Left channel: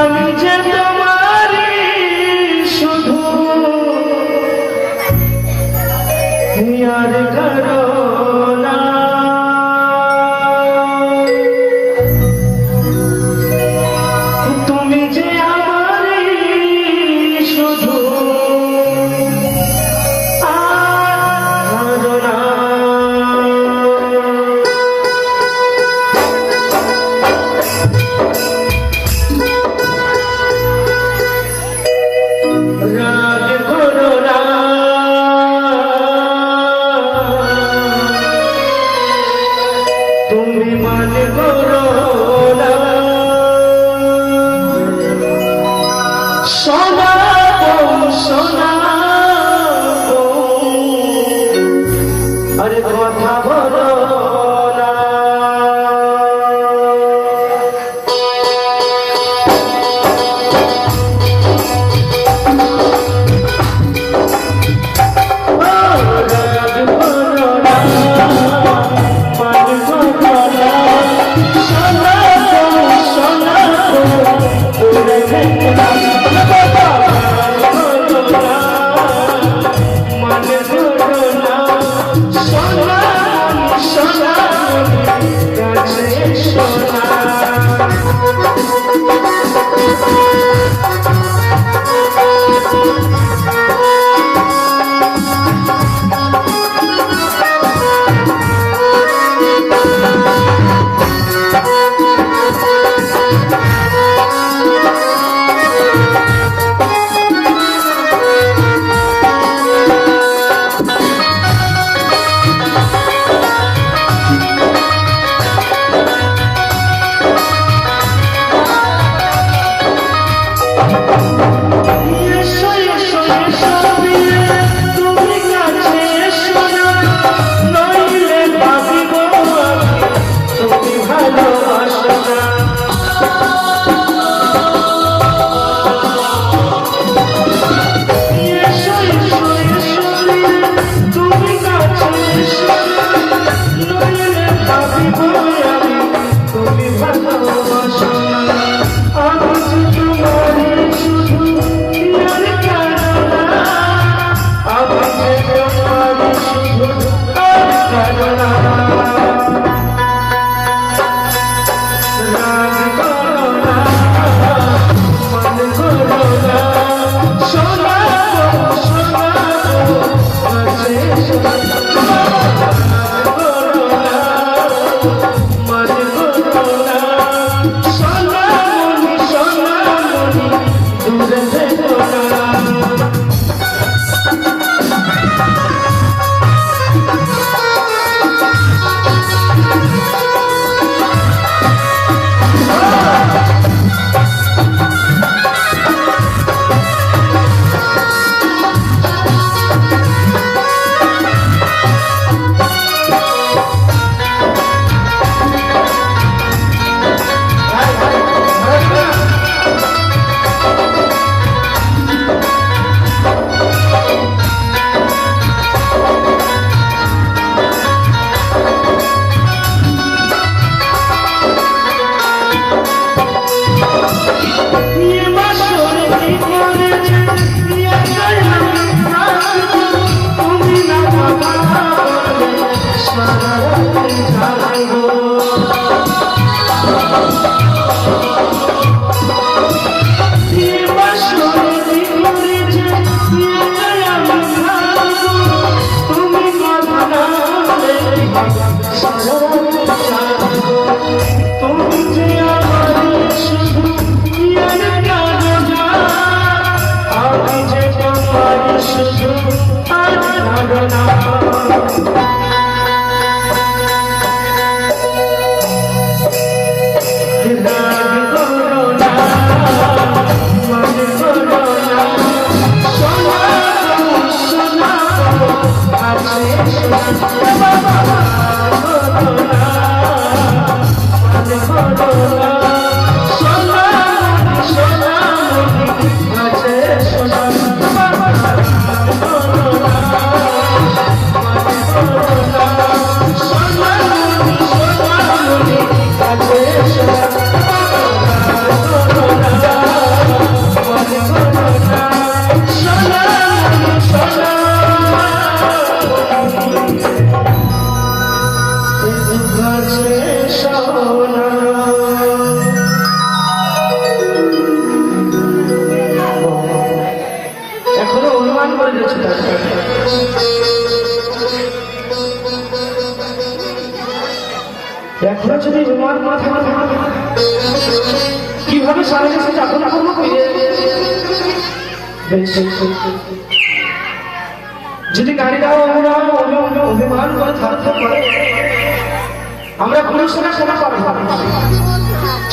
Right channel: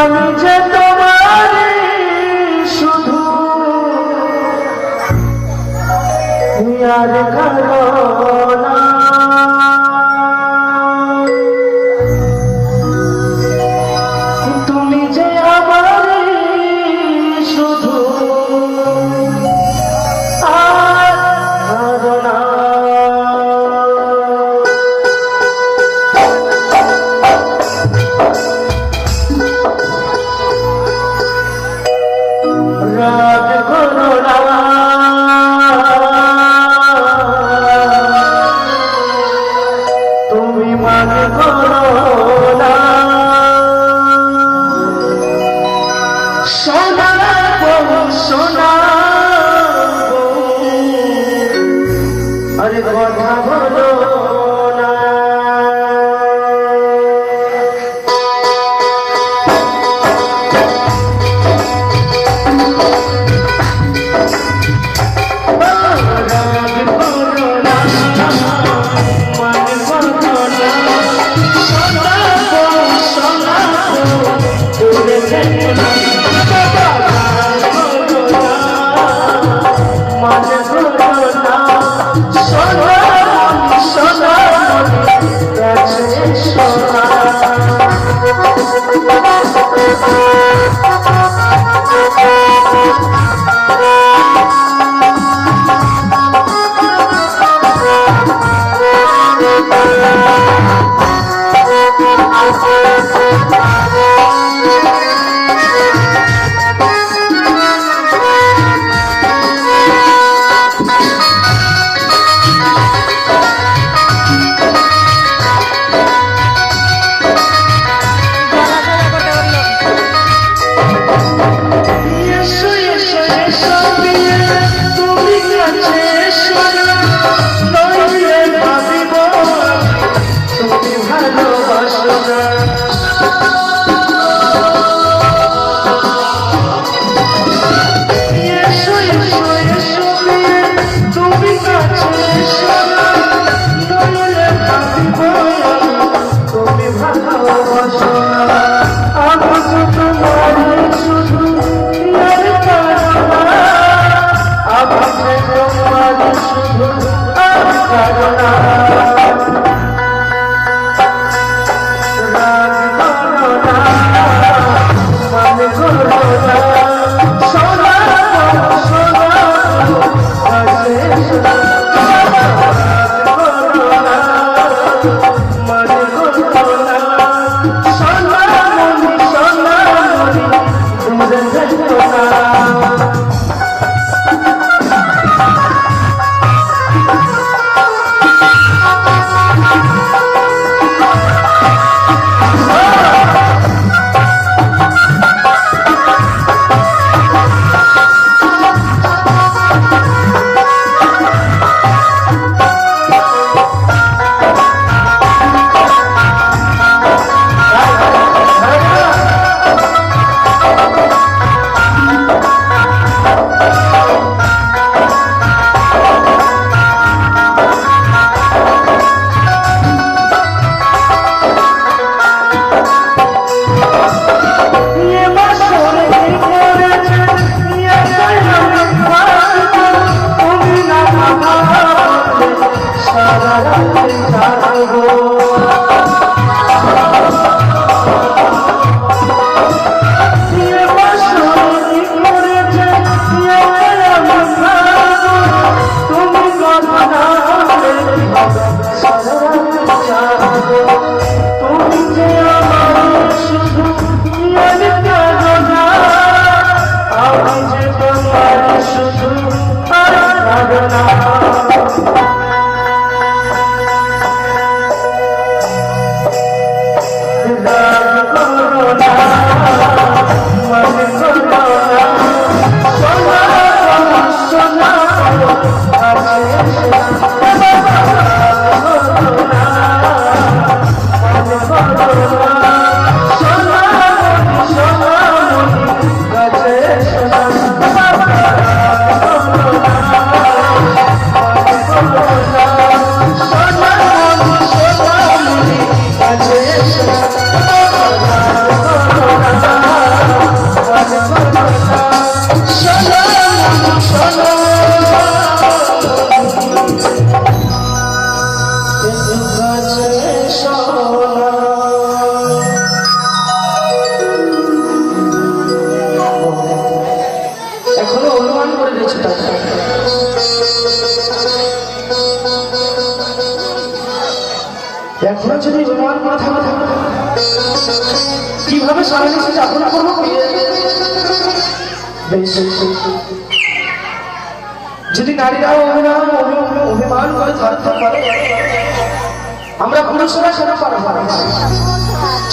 আমি যে তোমারে শুধু আর কারো না, তুমি যে আমারে শুধু আর কারো না। রাগ করো না, তুমি মান করো না, সোনা গো সোনা গো, আরে কথা বলো না। কিভাবে সারা দেশে যাপন করবো? যদি নারীরা অভিমান করে থাকতে পারে, আমরা পুরুষরা সেটা পারবো না।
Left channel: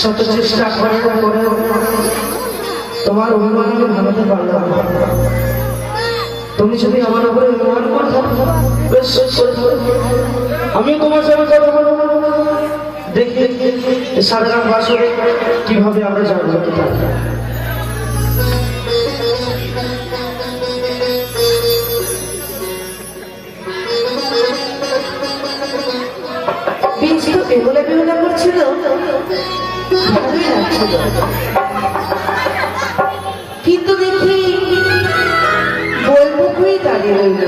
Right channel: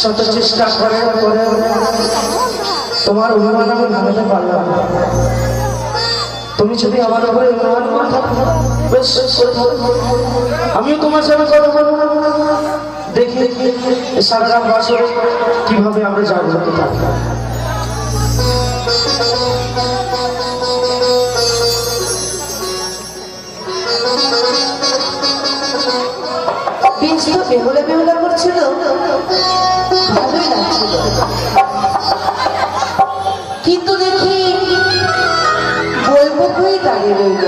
শত চেষ্টা করে তোমার অভিমান আমি ভাঙাতে পারলাম না। তুমি যদি আমার উপরে অভিমান করে থাকো, বেশ আমিও তোমার সাথে কথা বলবো। দেখি সারা রাত বাসরে কিভাবে আমরা জাগ্রত থাকবো। বেশ তো বেহুলা বেহুলা করছিল, ভালোই লাগছিল, কিন্তু দেখি বলবো কই দাঁড়িয়ে রইল।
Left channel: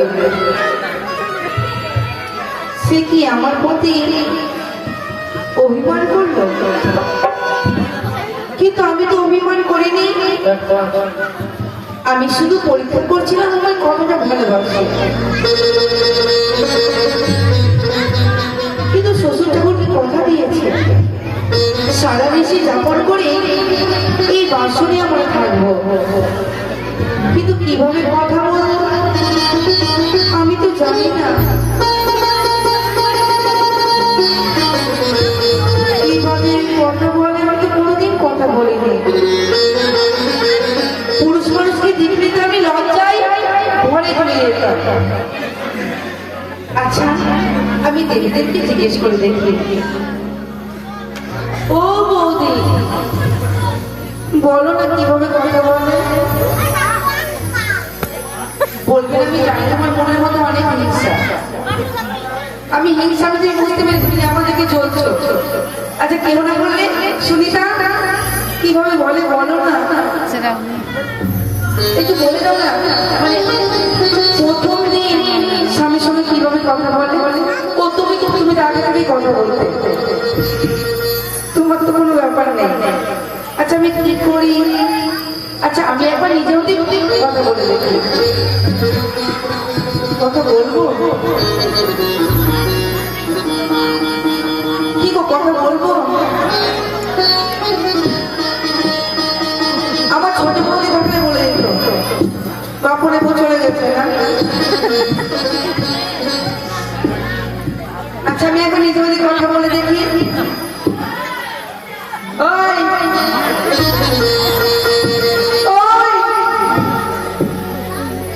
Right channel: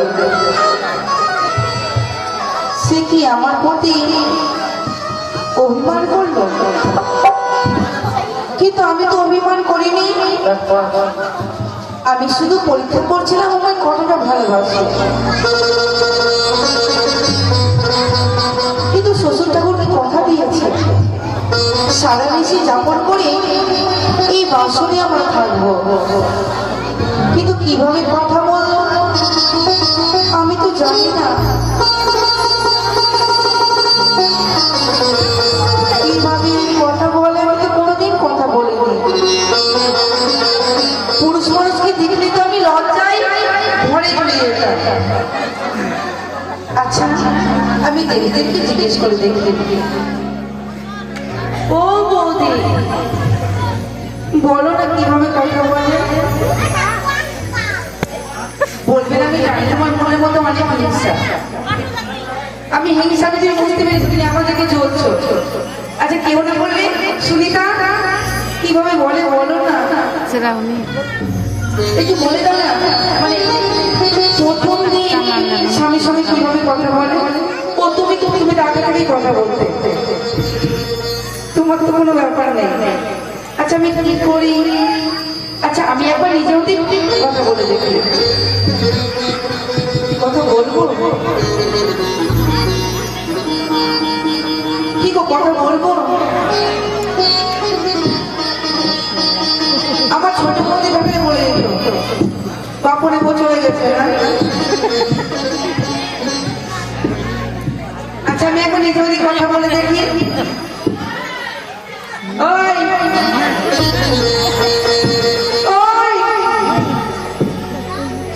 সে কি আমার প্রতি অভিমান করলো? কিন্তু আমি তো অভিমান করিনি, আমি শুধু পরীক্ষা করছিলাম আমার কতটা ভালোবাসি। কিন্তু শ্বশুর ঠাকুর কথা দিয়েছে সারা দেশে যাপন করে এই বাসনে আমরা থাকবো। কিন্তু কিভাবে কথা বলবো আমি তো জানি না। কিভাবে কথা বলে আমি তো কোনোদিন কথা বলিনি। পুরুষ মানুষকে দেখলে তো আমি লজ্জায় ঘরে চলে যেতাম। আচ্ছা আমি দিদিদেরকে জিজ্ঞেস করে দেখি। ও বৌদি, বলো না কিভাবে কথা বলে? বলবেন আমি জানি না, আমার মনের মতো অনেক হিংসা। আমি হিংসা আমি যে বুঝতে পেরেছি তুমি আমাদেরকে চলছো। আচ্ছা কেউ না বললে সুনিতা কিভাবে বলে বলো না, একটু বলে দাও না। মানে প্রথম দিন স্বামীর সঙ্গে কিভাবে কথা বলে? ও তুমি তুমি তুমি আগে থেকেই কথা বলতে, তোমার তো কোনো ব্যাপার নেই। আচ্ছা আমি কি করি? আচ্ছা আমি একবার নিজেও কথা বলে দেখি। কথা বলবো কি গো, কথা বলবো? আমার ছোট বৌদি ভাবে বলে দিল কাপড়ে চলে গেছে না। আচ্ছা আমি এখন নিজে ওদিক কথা বলে দেখি। ওই ওই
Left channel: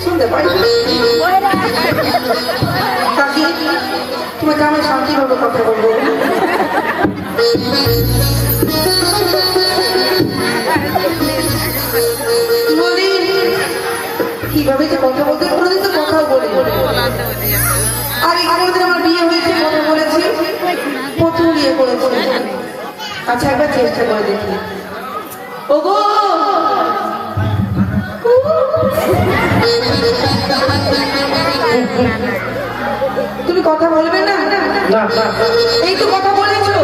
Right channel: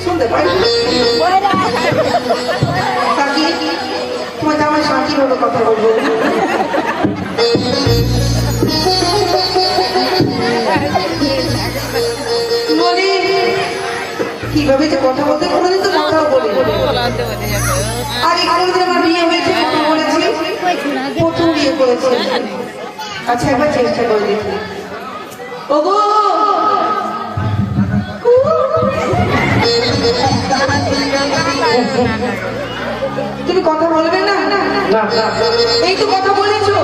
শুনতে পাই কাকি, তোমার জামাই শান্তি ভাবে কথা বলবো। বলি কিভাবে যে কথা বলতে, কোনোদিন তো কথা বলি। আর কোনোদিন আমার বিয়ে হয়েছে, কথা বলেছি, প্রথম বিয়ে করেছি। আচ্ছা একবার চেষ্টা করে দেখি। ওগো তুমি কথা বলবে না? এই তো কথা বলেছো,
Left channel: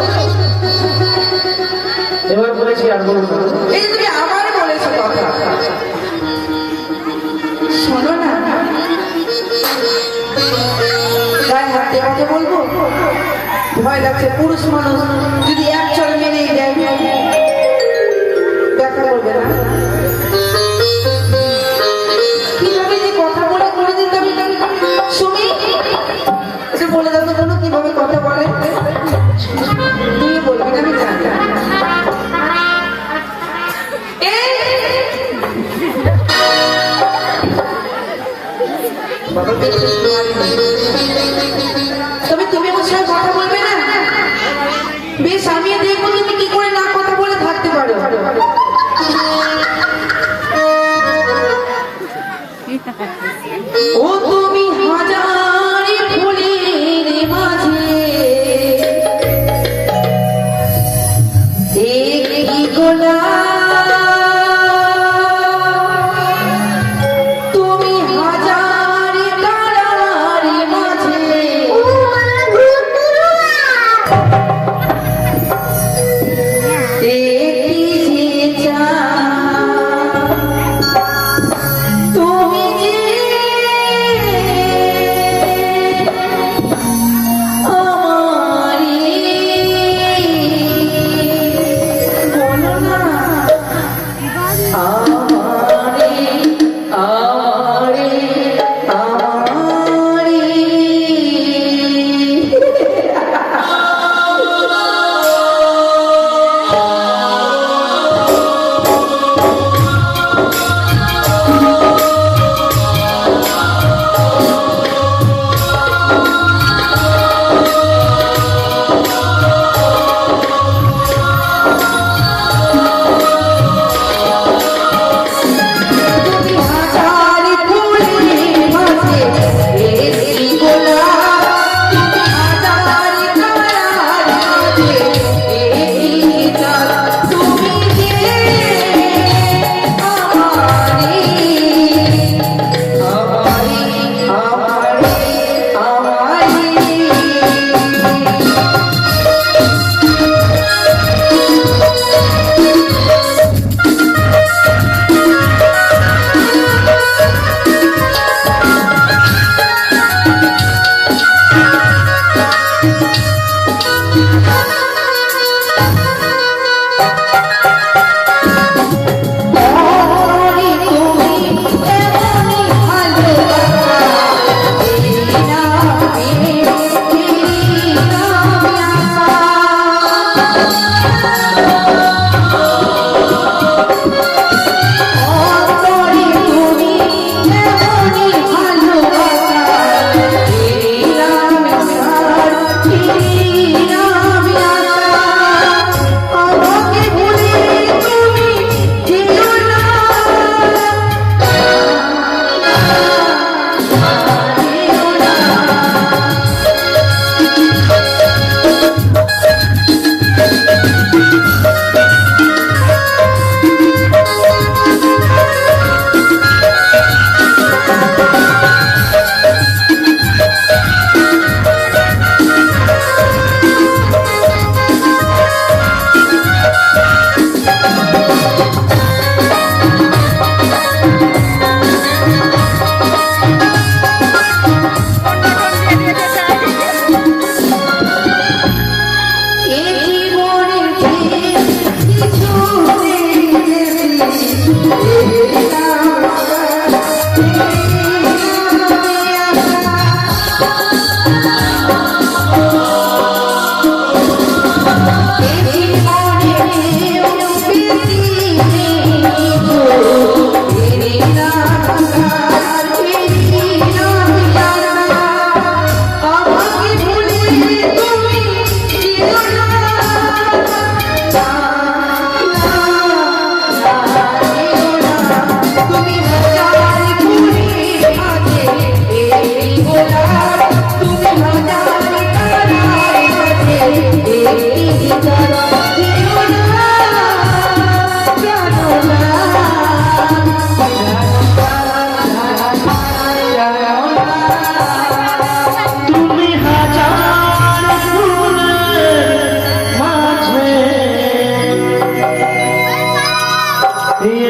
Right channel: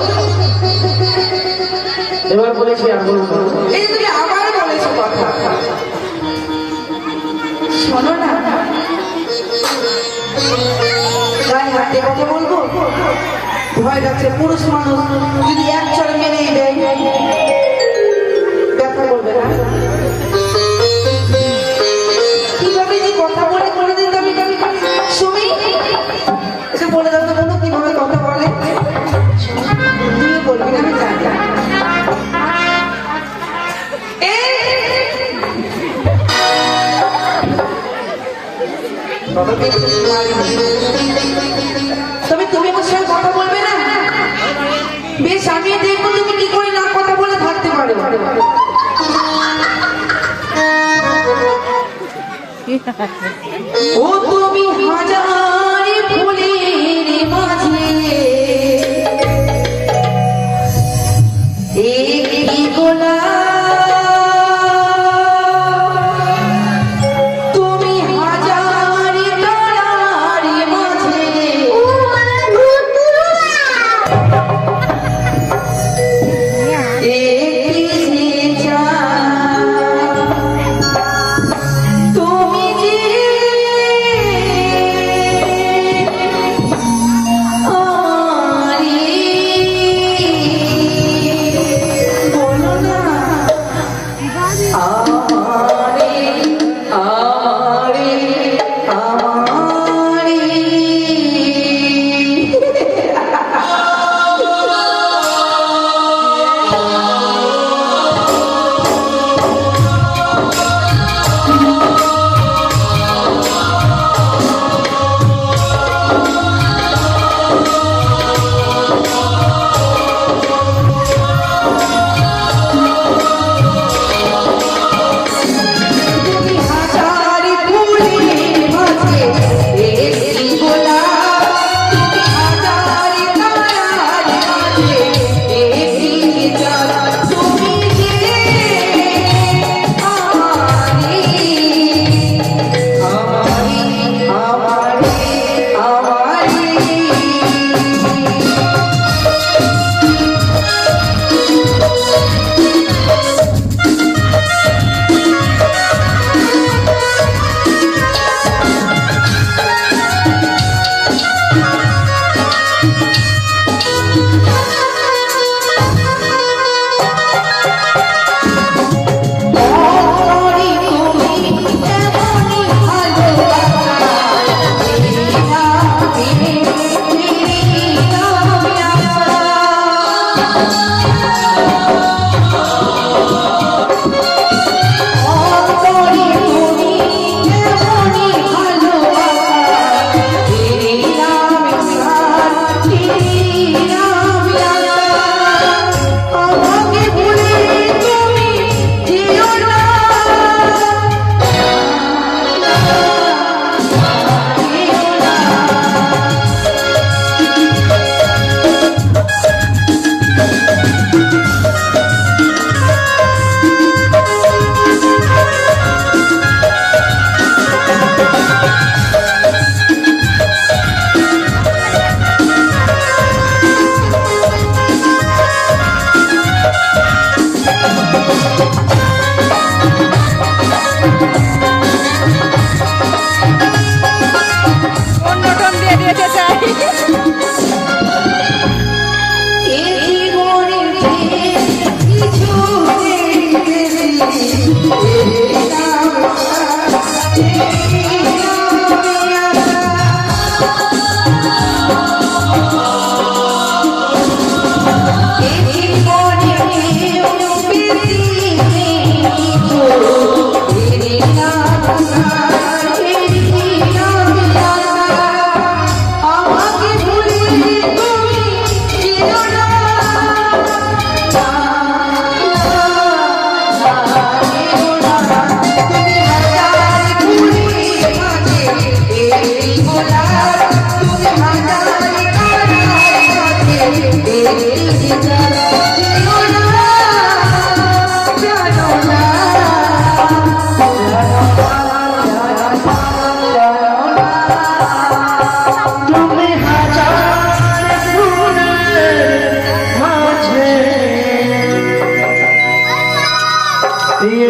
এবার বলেছি আর বলবো। এই তুমি আবার বলেছো কথা। শোনো না, গায়ে হাতে কথা বলবো, ভয় লাগছে। পুরুষ মানুষ যদি এক চড় মেরেই দেয় ব্যথা করবে না? কিভাবে যে কথা বলে কোনোদিন আমি শুনি, সে বলে দাও তো কোনো কিভাবে কথা বলে। তুমি বলবি না আমি জানি। তবে তুমি আমার সঙ্গে কথা বলবে না? বেশ আমি দেখবো তুমি কি করে না কথা বলে থাকতে পারো। ও তুমি হাজার ফুলের মাঝে একটি গোলাপ,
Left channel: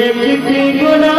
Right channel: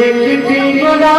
একটি গোলাপ